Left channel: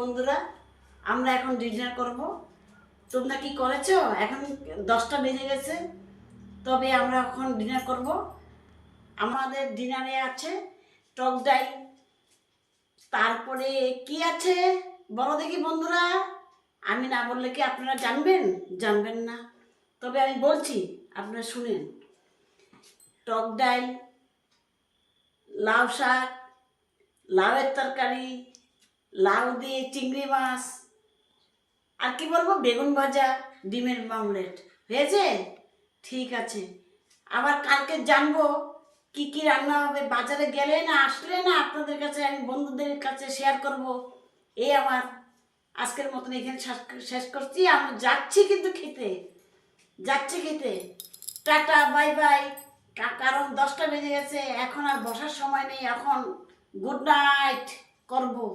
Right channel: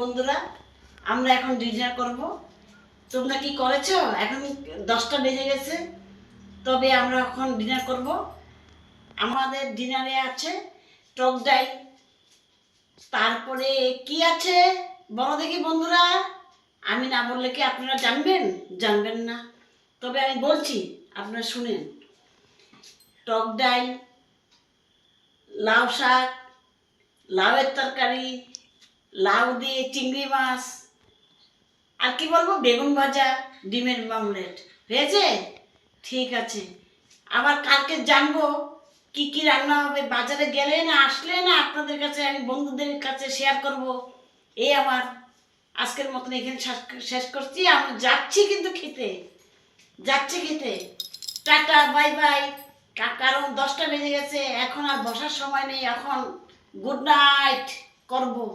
বন্ধুরা, আমরা এখন ডিনার করব। তোমরা কি করেছো? এখন 10টা বেজে গেছে, তবে আমরা এখন ডিনার করব। আমাদের ডিনারে আছে টক ডাল, তারপরে কি আছে বলো দেখি বন্ধুরা। আমি না বললে কি আপনারা জানবেন? জানবেন না, তবে আমি বলছি, আপনারা শুনেন। টক ডাল, লাউ শাক, লাউয়ের তরকারি, লাউ দিয়ে চিংড়ি মাছ, আর কি বলবো, বেগুন ভাজা, ডিমের অমলেট হয়েছে। ঠিক আছে, আবার কালকে জানবো কি কি রান্না হবে। বাজারে গেলে না আসলে না আপনাদের কাছে আমি বন্ধুদের কাছে শেয়ার করব। এই আমার আজকের মতন এখানে শেষ করছি। আমি যাচ্ছি কিন্তু খেতে, যাচ্ছি খেতে। Tata, bye bye. কারণ 10টা বেজে গেছে, এখন আর বসার সময় নেই। এখন গুড নাইট করবো।